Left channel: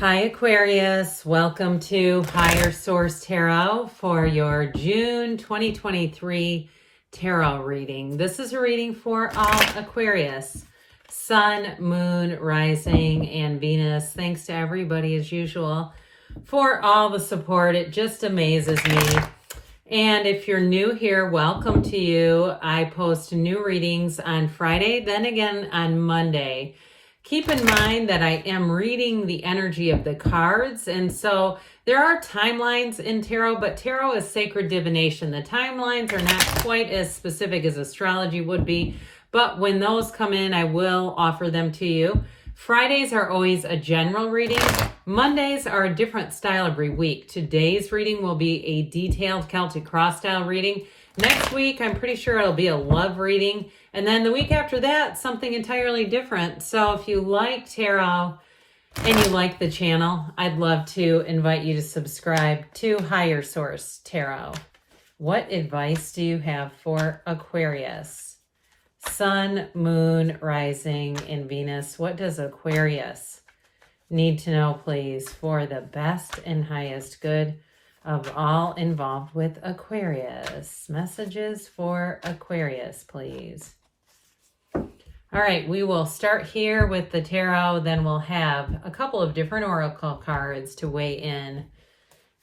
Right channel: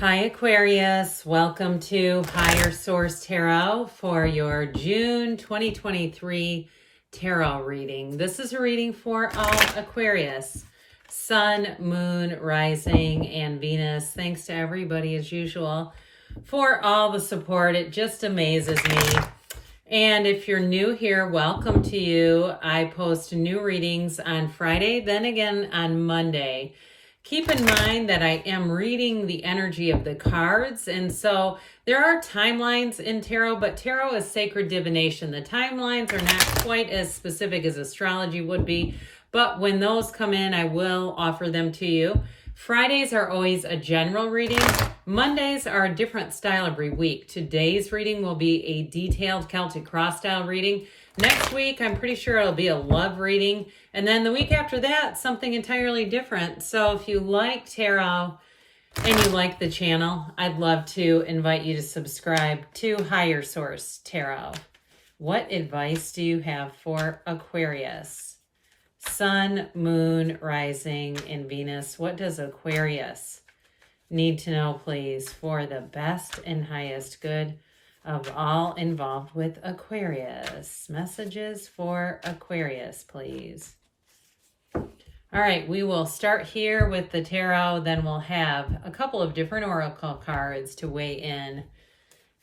Hi Aquarius, welcome to Higher Source Tarot for your June 2023 tarot reading. This is a reading for Aquarius, Sun, Moon, Rising, and Venus. Thanks to everybody as usual for all the support. It just amazes me. And if you're new here, welcome to you. I post new readings on Friday, then again on Monday. Keep in mind that I am reading the energy of the cards, and so there are timelines in tarot, but tarot is sacred divination. The timelines are not quite as specific as astrology would be, but when those come in, I will offer them to you. Fridays are always a general reading. Mondays are a different style every week. Today's reading will be a detailed Celtic cross style reading. Next week, I'm pretty sure it'll be a love reading. And then the week after that, something entirely different. So if you like tarot and you like the channel, I'd love to invite you to subscribe to Higher Source Tarot. What advice do you have for Aquarius? Sun, Moon, Rising, and Venus. What does Aquarius need to know, please, for the best and highest good of all involved with Aquarius? Messages for Aquarius, please. All right, we will start here with the tarot, then we'll have a couple of different oracle cards to weigh in.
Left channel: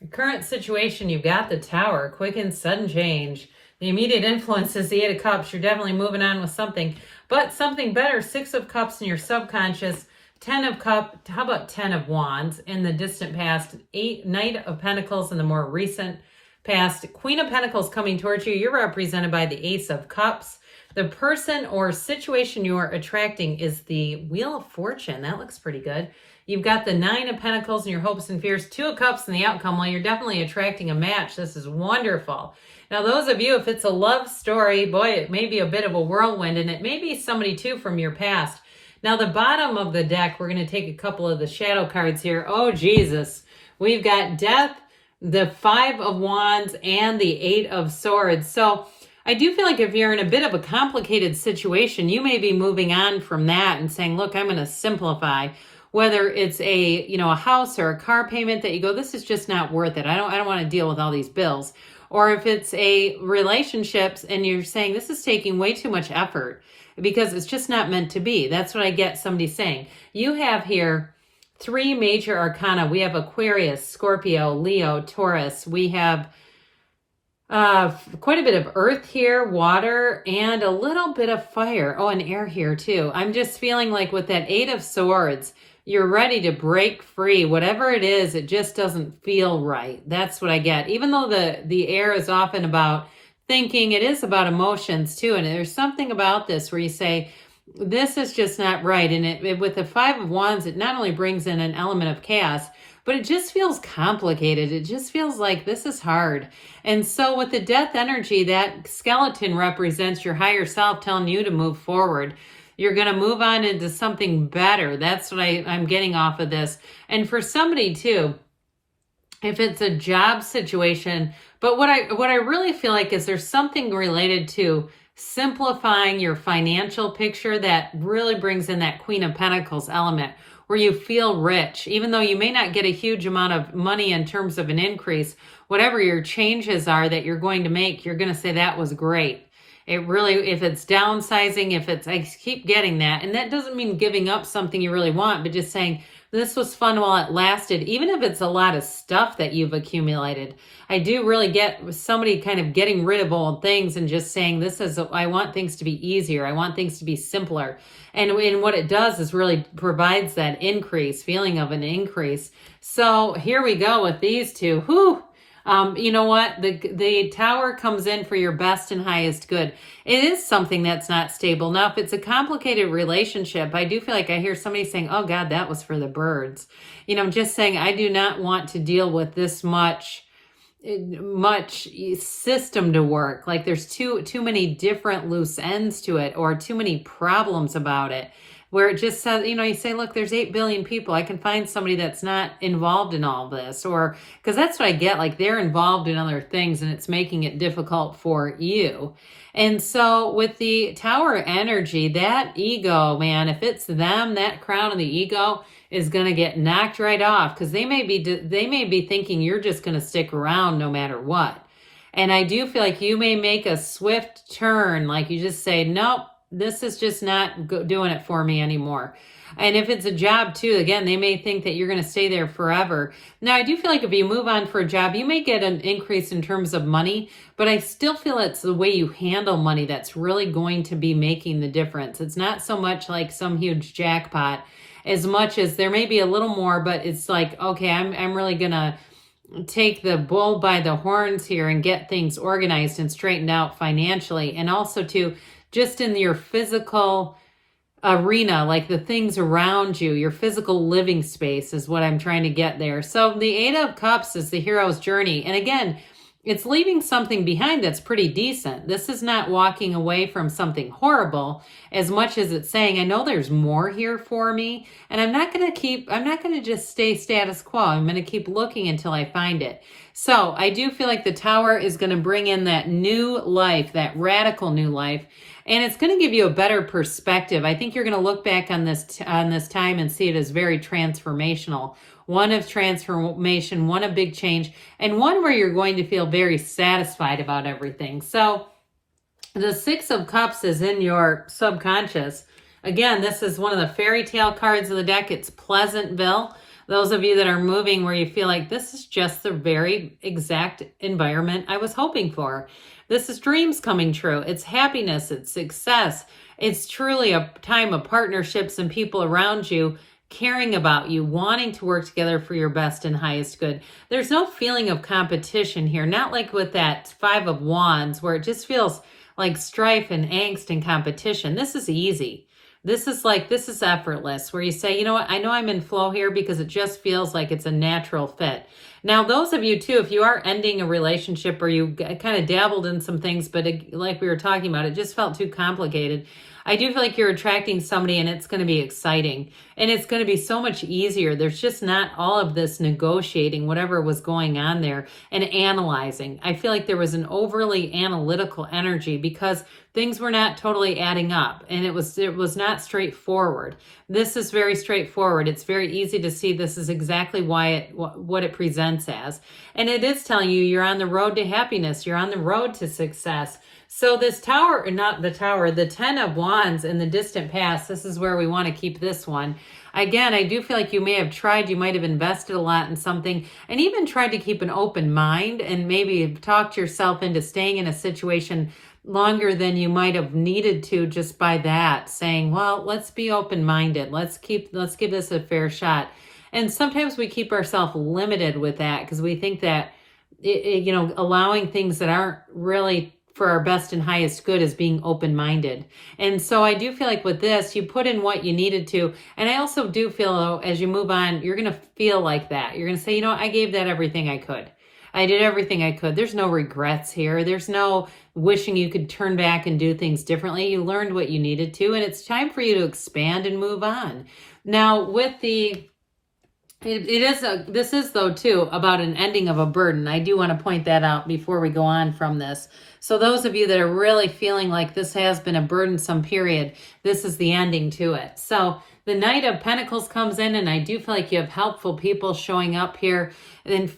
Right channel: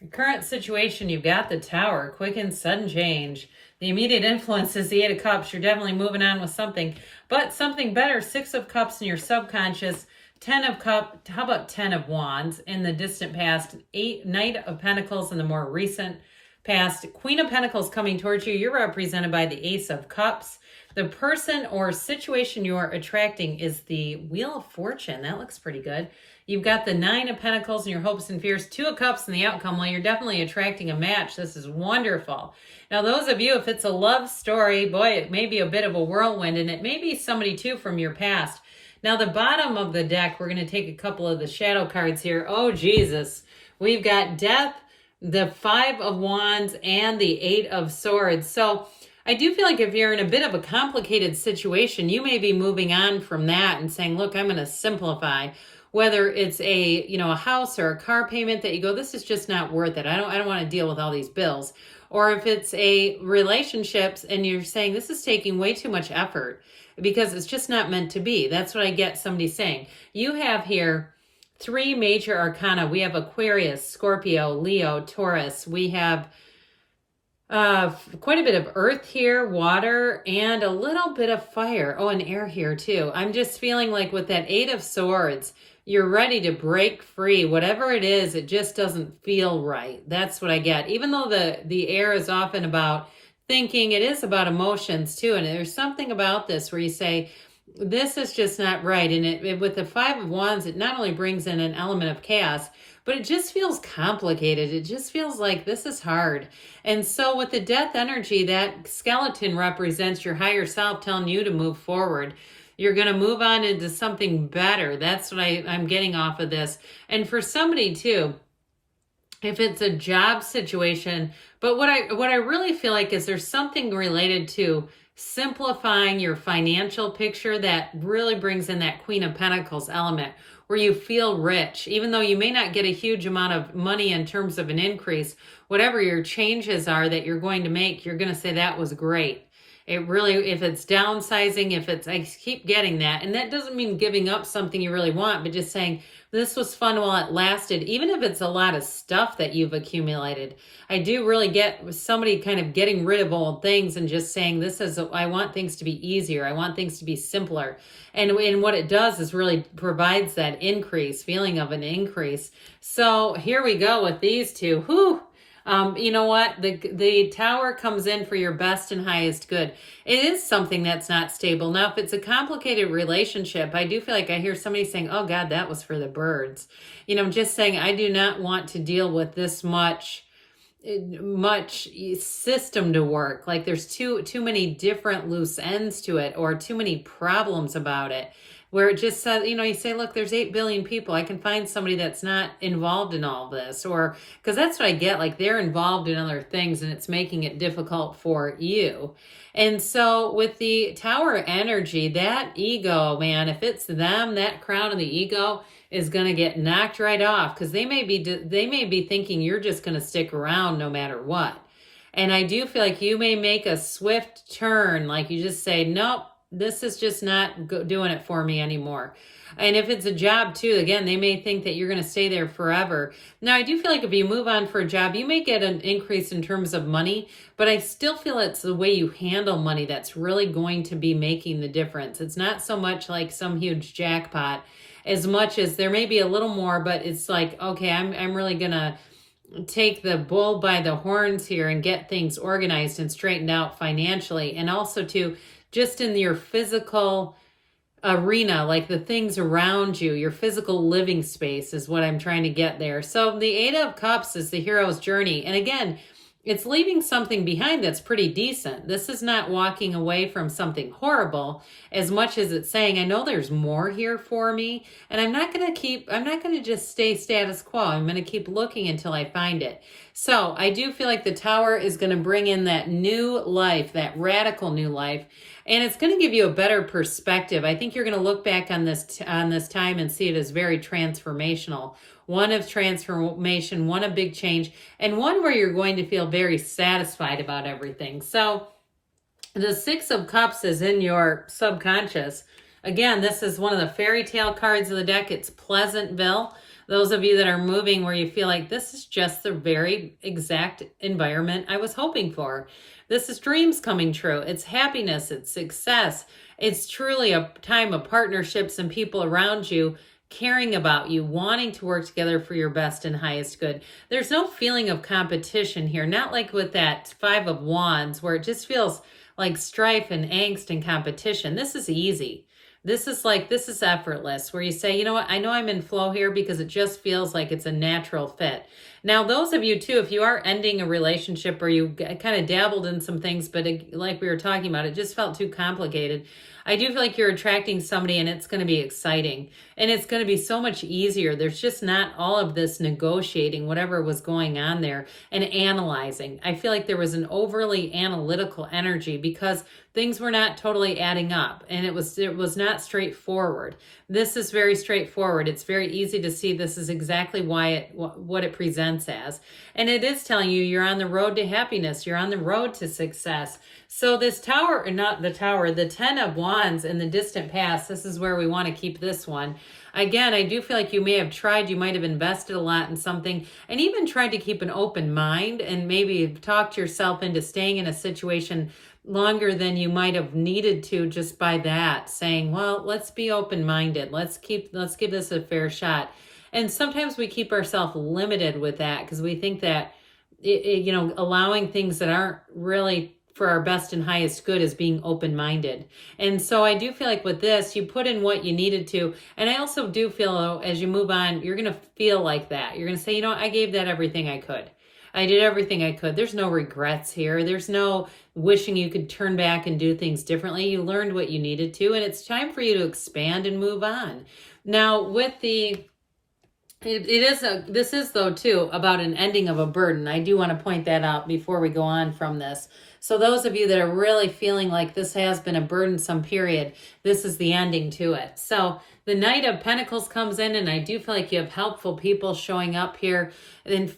The current situation, you've got the Tower, quick and sudden change. The immediate influence is the Eight of Cups. You're definitely moving on with something, but something better. Six of Cups in your subconscious, 10 of Cups, how about 10 of Wands in the distant past, Knight of Pentacles in the more recent past, Queen of Pentacles coming towards you. You're represented by the Ace of Cups. The person or situation you are attracting is the Wheel of Fortune. That looks pretty good. You've got the Nine of Pentacles in your hopes and fears, Two of Cups in the outcome. Well, you're definitely attracting a match. This is wonderful. Now, those of you, if it's a love story, boy, it may be a bit of a whirlwind, and it may be somebody, too, from your past. Now, the bottom of the deck, we're going to take a couple of the shadow cards here. Oh, Jesus. We've got Death, the Five of Wands, and the Eight of Swords. So I do feel like if you're in a bit of a complicated situation, you may be moving on from that and saying, look, I'm going to simplify. Whether it's a house or a car payment that you go, this is just not worth it. I don't want to deal with all these bills. Or if it's a relationships and you're saying this is taking way too much effort because it's just not meant to be. That's what I get somebody saying. You have here three major arcana. We have Aquarius, Scorpio, Leo, Taurus. We have quite a bit of earth here, water, and a little bit of fire. Oh, and air here too. I'm just feeling like with that Eight of Swords, you're ready to break free. Whatever it is, it just doesn't feel right. That's what I get. Even though the air is often about thinking, it is about emotions too. And there's something about this where you say, this is just not right. And with the Five of Wands, it not only brings in an element of chaos, but it just feels complicated. It just feels like this is hard. And so with the Death energy, that skeleton represents your higher self telling you to move forward. You're going to move on into something better. That's what I'm getting off of this. And for somebody too, if it's a job situation, but what I really feel like is there's something related to simplifying your financial picture that really brings in that Queen of Pentacles element, where you feel rich, even though you may not get a huge amount of money in terms of an increase. Whatever your changes are that you're going to make, you're going to say that was great. It really, if it's downsizing, I keep getting that. And that doesn't mean giving up something you really want, but just saying, this was fun while it lasted, even if it's a lot of stuff that you've accumulated. I do really get somebody kind of getting rid of old things and just saying, I want things to be easier. I want things to be simpler. And what it does is really provides that feeling of an increase. So here we go with these two. Whew. You know what? The Tower comes in for your best and highest good. It is something that's not stable. Now, if it's a complicated relationship, I do feel like I hear somebody saying, oh God, that was for the birds. Just saying, I do not want to deal with this much system to work. Like there's too many different loose ends to it, or too many problems about it, where it just says, you say, look, there's 8 billion people. I can find somebody that's not involved in all this, or because that's what I get, like they're involved in other things and it's making it difficult for you. And so with the Tower energy, that ego, man, if it's them, that crown of the ego, is going to get knocked right off, because they may be thinking you're just going to stick around no matter what. And I do feel like you may make a swift turn, like you just say, nope, this is just not doing it for me anymore. And if it's a job too, again, they may think that you're going to stay there forever. Now, I do feel like if you move on for a job, you may get an increase in terms of money, but I still feel it's the way you handle money that's really going to be making the difference. It's not so much like some huge jackpot, as much as there may be a little more, but it's like, okay, I'm really going to take the bull by the horns here and get things organized and straightened out financially. And also to just in your physical arena, like the things around you, your physical living space is what I'm trying to get there. So the Eight of Cups is the hero's journey. And again, it's leaving something behind that's pretty decent. This is not walking away from something horrible as much as it's saying, I know there's more here for me, and I'm not going to just stay status quo. I'm going to keep looking until I find it. So I do feel like the Tower is going to bring in that new life, that radical new life, and it's going to give you a better perspective. I think you're going to look back on this time and see it as very transformational. One of transformation, one of big change, and one where you're going to feel very satisfied about everything. So the Six of Cups is in your subconscious. Again, this is one of the fairy tale cards of the deck. It's Pleasantville. Those of you that are moving where you feel like this is just the very exact environment I was hoping for. This is dreams coming true. It's happiness. It's success. It's truly a time of partnerships and people around you caring about you, wanting to work together for your best and highest good. There's no feeling of competition here, not like with that Five of Wands where it just feels like strife and angst and competition. This is easy. This is effortless, where you say, you know what, I know I'm in flow here because it just feels like it's a natural fit. Now, those of you too, if you are ending a relationship or you kind of dabbled in some things, but like we were talking about, it just felt too complicated. I do feel like you're attracting somebody and it's going to be exciting and it's going to be so much easier. There's just not all of this negotiating, whatever was going on there, and analyzing. I feel like there was an overly analytical energy because things were not totally adding up and it was not straightforward. This is very straightforward. It's very easy to see this is exactly what it presents as. And it is telling you you're on the road to happiness. You're on the road to success. So this Tower, or not the Tower, the Ten of Wands in the distant past, this is where we want to keep this one. Again, I do feel like you may have tried, you might have invested a lot in something and even tried to keep an open mind and maybe talked yourself into staying in a situation longer than you might have needed to just by that, saying, well, let's be open-minded. Let's give this a fair shot. And sometimes we keep ourselves limited with that because we think that, allowing things that aren't really for our best and highest good is being open-minded. And so I do feel like with this, you put in what you needed to. And I also do feel, though, as you move on, you're going to feel like that. You're going to say, you know, I gave that everything I could. I did everything I could. There's no regrets here. There's no wishing you could turn back and do things differently. You learned what you needed to, and it's time for you to expand and move on. Now, with the this is though too about an ending of a burden. I do want to point that out before we go on from this. So those of you that are really feeling like this has been a burdensome period, this is the ending to it. So the Knight of Pentacles comes in, and I do feel like you have helpful people showing up here. And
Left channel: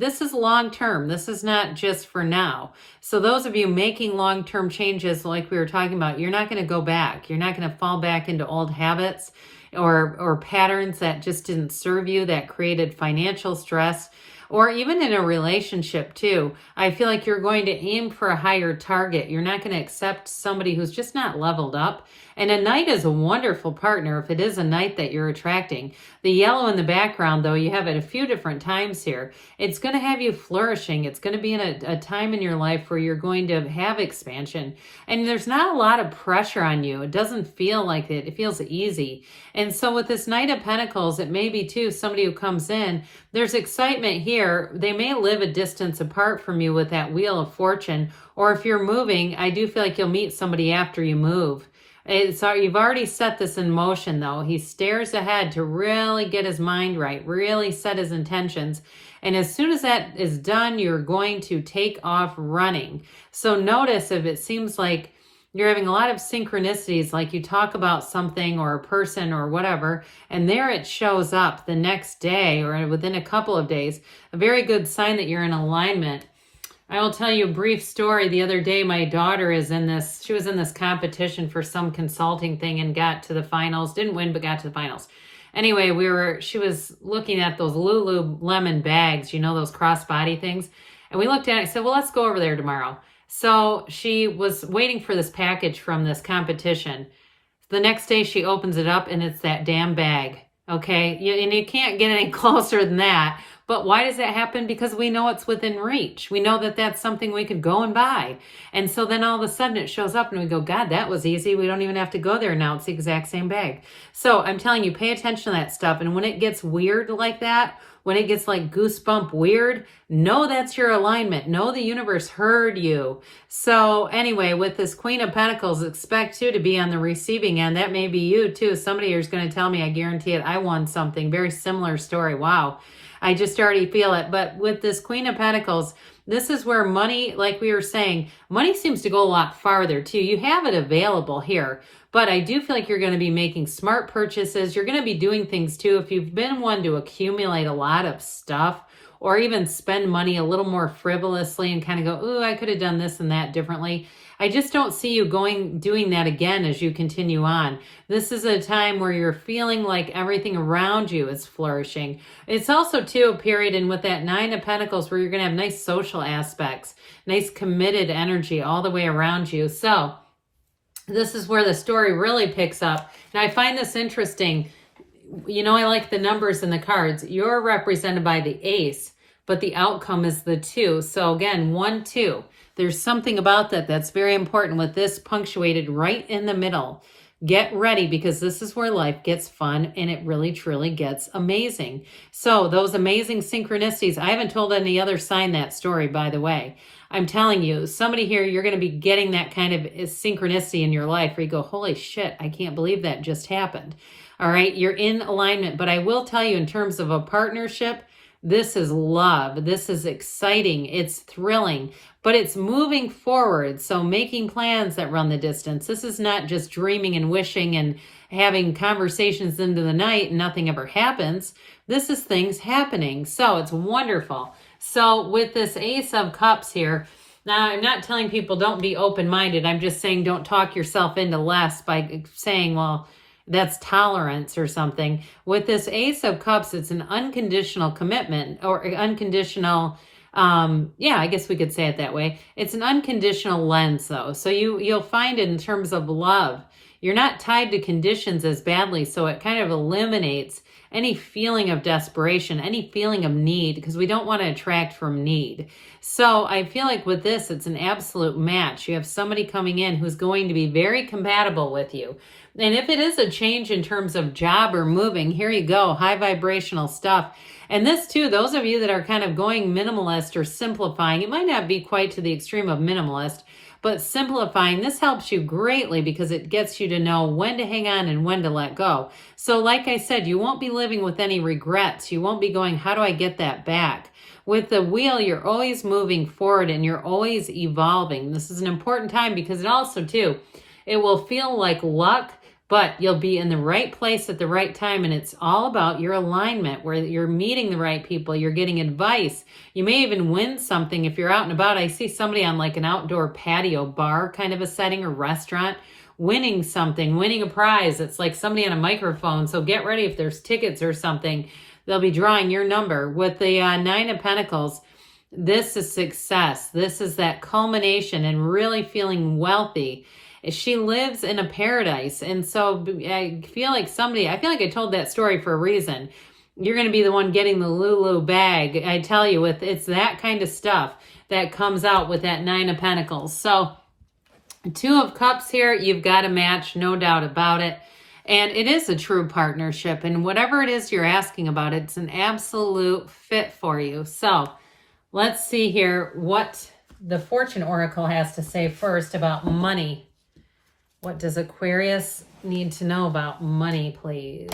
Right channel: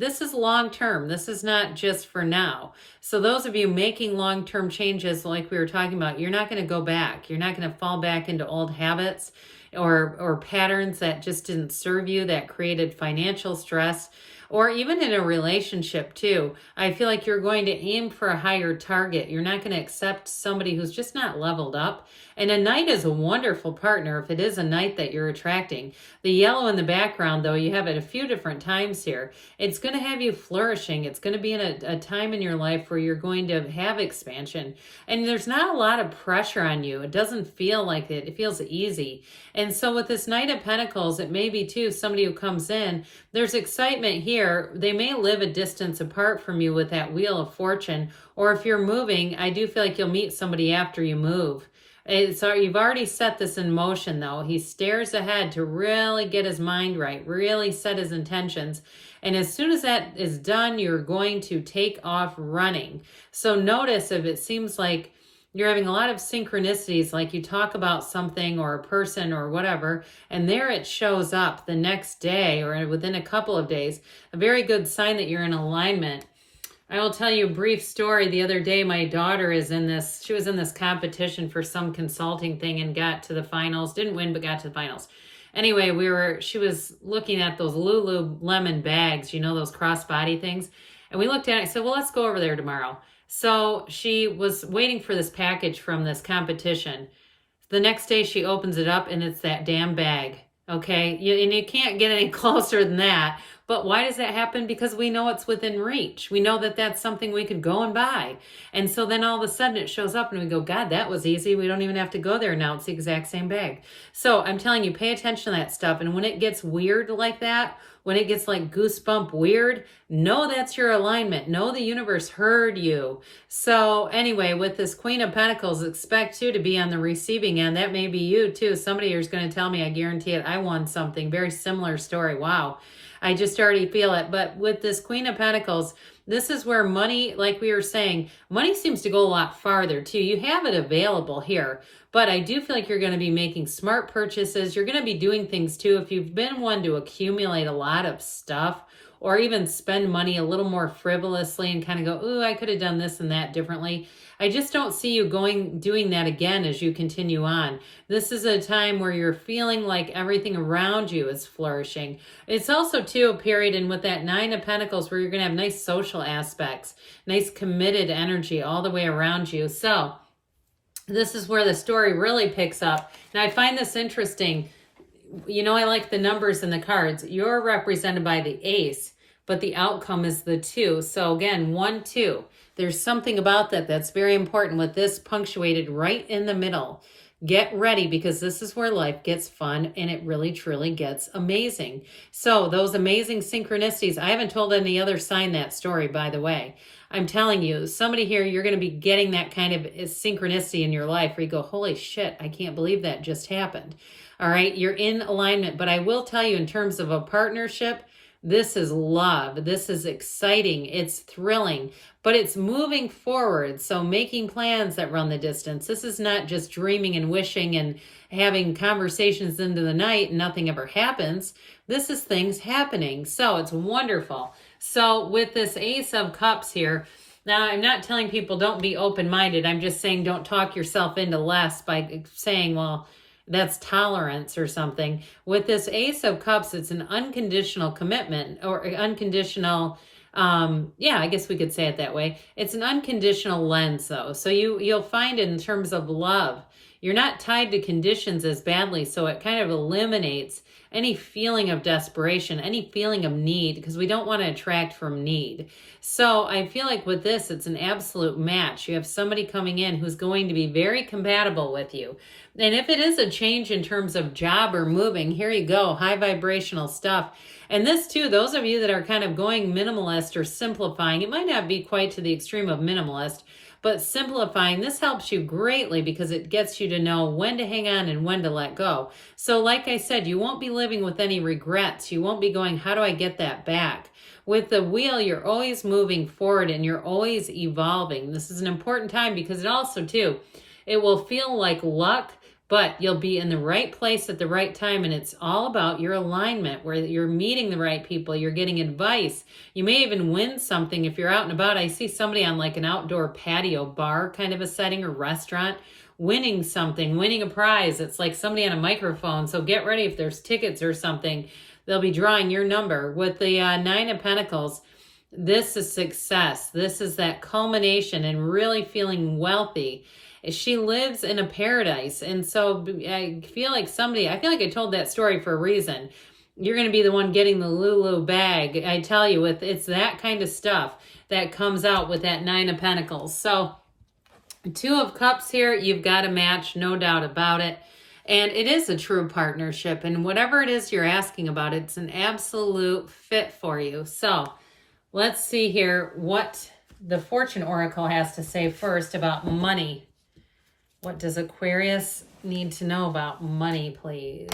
this is long-term. This is not just for now. So those of you making long-term changes like we were talking about, you're not going to go back. You're not going to fall back into old habits or patterns that just didn't serve you, that created financial stress, or even in a relationship too. I feel like you're going to aim for a higher target. You're not going to accept somebody who's just not leveled up. And a knight is a wonderful partner if it is a knight that you're attracting. The yellow in the background, though, you have it a few different times here. It's going to have you flourishing. It's going to be in a time in your life where you're going to have expansion. And there's not a lot of pressure on you. It doesn't feel like it. It feels easy. And so with this Knight of Pentacles, it may be, too, somebody who comes in. There's excitement here. They may live a distance apart from you with that Wheel of Fortune. Or if you're moving, I do feel like you'll meet somebody after you move. You've already set this in motion, though. He stares ahead to really get his mind right, really set his intentions. And as soon as that is done, you're going to take off running. So notice if it seems like You're having a lot of synchronicities, like you talk about something or a person or whatever, and there it shows up the next day or within a couple of days. A very good sign that you're in alignment. I will tell you a brief story. The other day, my daughter she was in this competition for some consulting thing and got to the finals. Didn't win, but got to the finals. Anyway, she was looking at those Lululemon bags, you know, those crossbody things. And we looked at it and said, well, let's go over there tomorrow. So she was waiting for this package from this competition. The next day she opens it up and it's that damn bag. Okay. And you can't get any closer than that. But why does that happen? Because we know it's within reach. We know that that's something we could go and buy. And so then all of a sudden it shows up and we go, God, that was easy. We don't even have to go there now. It's the exact same bag. So I'm telling you, pay attention to that stuff. And when it gets weird like that, when it gets like goosebump weird, know that's your alignment. Know the universe heard you. So anyway, with this Queen of Pentacles, expect you to be on the receiving end. That may be you too. Somebody here is going to tell me, I guarantee it, I won something. Very similar story. Wow. I just already feel it. But with this Queen of Pentacles, this is where money, like we were saying, money seems to go a lot farther too. You have it available here. But I do feel like you're going to be making smart purchases. You're going to be doing things too. If you've been one to accumulate a lot of stuff or even spend money a little more frivolously and kind of go, ooh, I could have done this and that differently. I just don't see you doing that again as you continue on. This is a time where you're feeling like everything around you is flourishing. It's also too a period, and with that Nine of Pentacles, where you're going to have nice social aspects, nice committed energy all the way around you. So this is where the story really picks up. Now, I find this interesting. You know, I like the numbers in the cards. You're represented by the ace, but the outcome is the 2. So again, 1, 2. There's something about that that's very important with this punctuated right in the middle. Get ready, because this is where life gets fun and it really truly gets amazing. So those amazing synchronicities, I haven't told any other sign that story, by the way. I'm telling you, somebody here, you're going to be getting that kind of synchronicity in your life where you go, holy shit, I can't believe that just happened. All right, you're in alignment. But I will tell you, in terms of a partnership, this is love. This is exciting. It's thrilling, but it's moving forward. So making plans that run the distance. This is not just dreaming and wishing and having conversations into the night and nothing ever happens. This is things happening. So it's wonderful. So with this Ace of Cups here, now I'm not telling people don't be open-minded. I'm just saying don't talk yourself into less by saying, well, that's tolerance or something. With this Ace of Cups, it's an unconditional commitment, or unconditional, yeah, I guess we could say it that way. It's an unconditional lens, though. So you'll find in terms of love, you're not tied to conditions as badly, so it kind of eliminates any feeling of desperation, any feeling of need, because we don't want to attract from need. So I feel like with this, it's an absolute match. You have somebody coming in who's going to be very compatible with you. And if it is a change in terms of job or moving, here you go, high vibrational stuff. And this too, those of you that are kind of going minimalist or simplifying, it might not be quite to the extreme of minimalist, but simplifying, this helps you greatly because it gets you to know when to hang on and when to let go. So like I said, you won't be living with any regrets. You won't be going, how do I get that back? With the wheel, you're always moving forward and you're always evolving. This is an important time because it also too, it will feel like luck, but you'll be in the right place at the right time, and it's all about your alignment where you're meeting the right people, you're getting advice. You may even win something if you're out and about. I see somebody on like an outdoor patio bar kind of a setting or restaurant winning something, winning a prize. It's like somebody on a microphone, so get ready if there's tickets or something. They'll be drawing your number. With the Nine of Pentacles, this is success. This is that culmination and really feeling wealthy. She lives in a paradise. And so I feel like I told that story for a reason. You're going to be the one getting the Lulu bag. I tell you, it's that kind of stuff that comes out with that Nine of Pentacles. So Two of Cups here, you've got a match, no doubt about it. And it is a true partnership. And whatever it is you're asking about, it's an absolute fit for you. So let's see here what the Fortune Oracle has to say first about money. What does Aquarius need to know about money, please?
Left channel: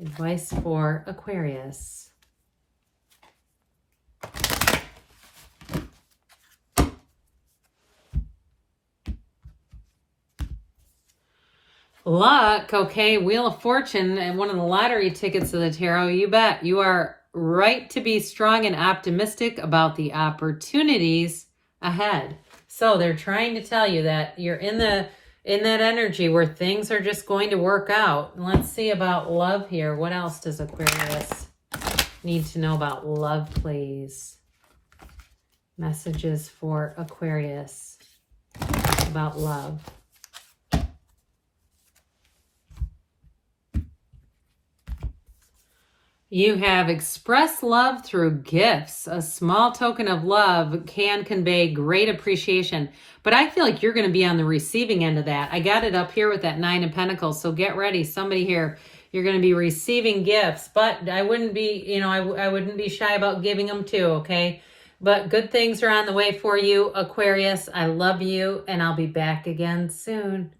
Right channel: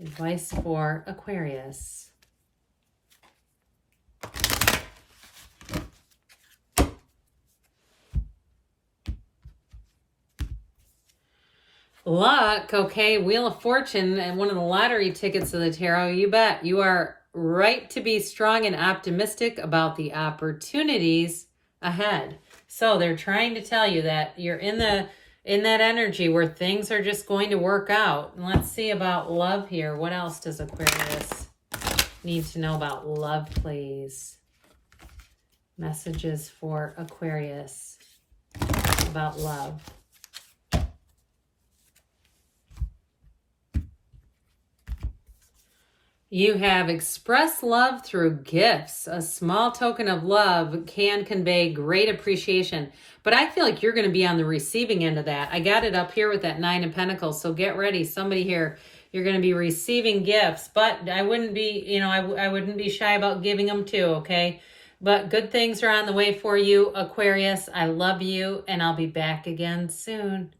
Advice for Aquarius. Luck, okay, Wheel of Fortune and one of the lottery tickets of the tarot, you bet. You are right to be strong and optimistic about the opportunities ahead. So they're trying to tell you that you're in that energy where things are just going to work out. Let's see about love here. What else does Aquarius need to know about love, please? Messages for Aquarius about love. You have expressed love through gifts. A small token of love can convey great appreciation. But I feel like you're going to be on the receiving end of that. I got it up here with that 9 of Pentacles. So get ready. Somebody here, you're going to be receiving gifts. But I wouldn't be, I wouldn't be shy about giving them too, okay? But good things are on the way for you, Aquarius. I love you, and I'll be back again soon.